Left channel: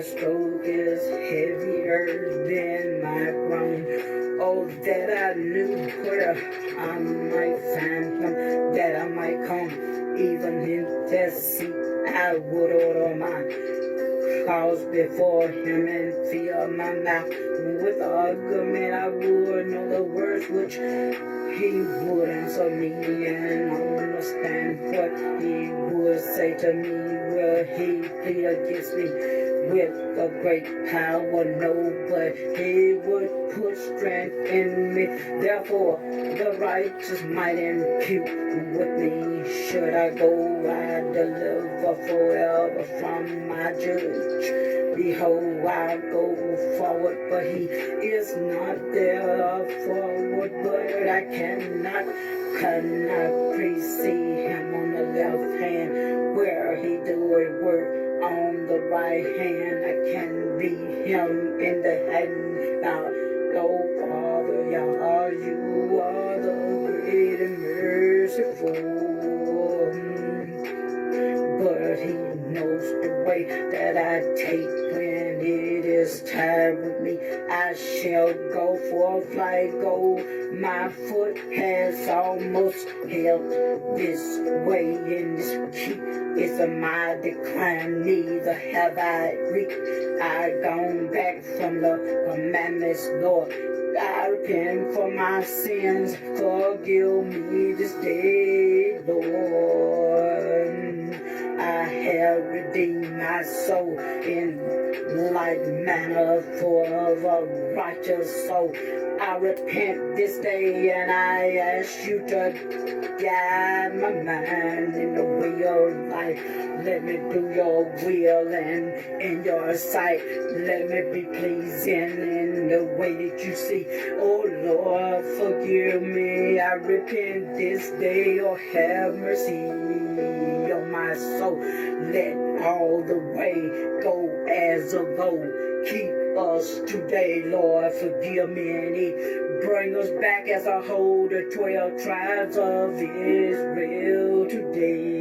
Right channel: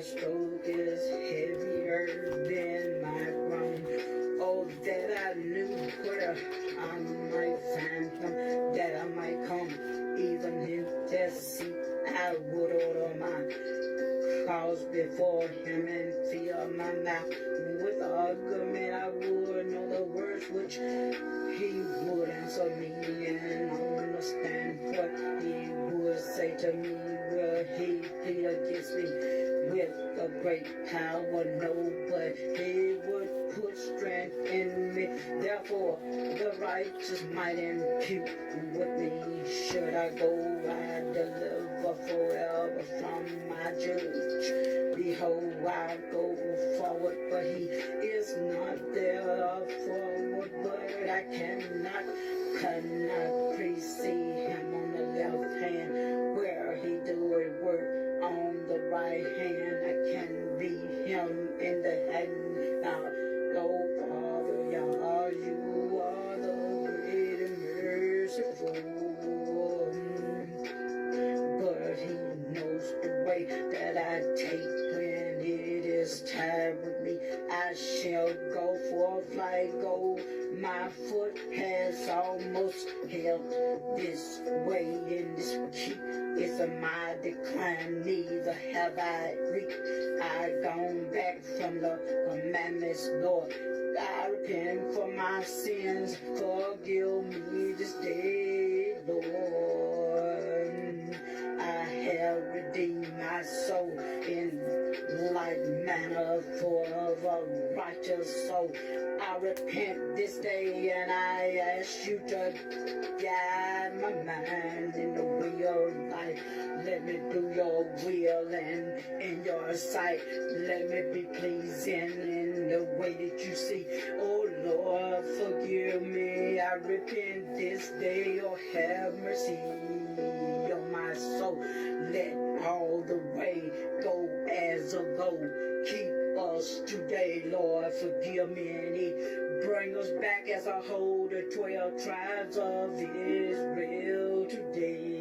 my stroke is heavier than my groan. Oh, that I knew where I might find him, that I might come, even in death seat, I would order my cause before him and fill my mouth with argument. I would know the words which he would answer me and understand what he would say to me. Will he plead against me with a great power? No, but he would put strength in me. Therefore, the righteous might impute with me. Should I go, I deliver forever from my judge. Behold, I go forward, but he is not there forward, but I cannot precede him on the left hand, where he doeth work on the right hand. I can read him in the hand. Now, oh Father, Yah, you are the great and merciful. But he knows the way that I take when it is time with me. I shall go for a flight, go. My foot has almost held this way in this keep. It's a my decline, neither have I reached. I gone back from the commandments, Lord. I repent for my sins, forgive me this day, Lord. I have redeemed my soul in like manner for a righteous soul. I repent this day and I ask you to guide my mind in the way of life. Let me do your will and in your sight. Let me be pleasing in the way that you see. Oh Lord, forgive me. I repent this day. Oh, have mercy on my soul. Let all the way go as of old. Keep us today, Lord, forgive me, and he bring us back as a whole, the 12 tribes of Israel today.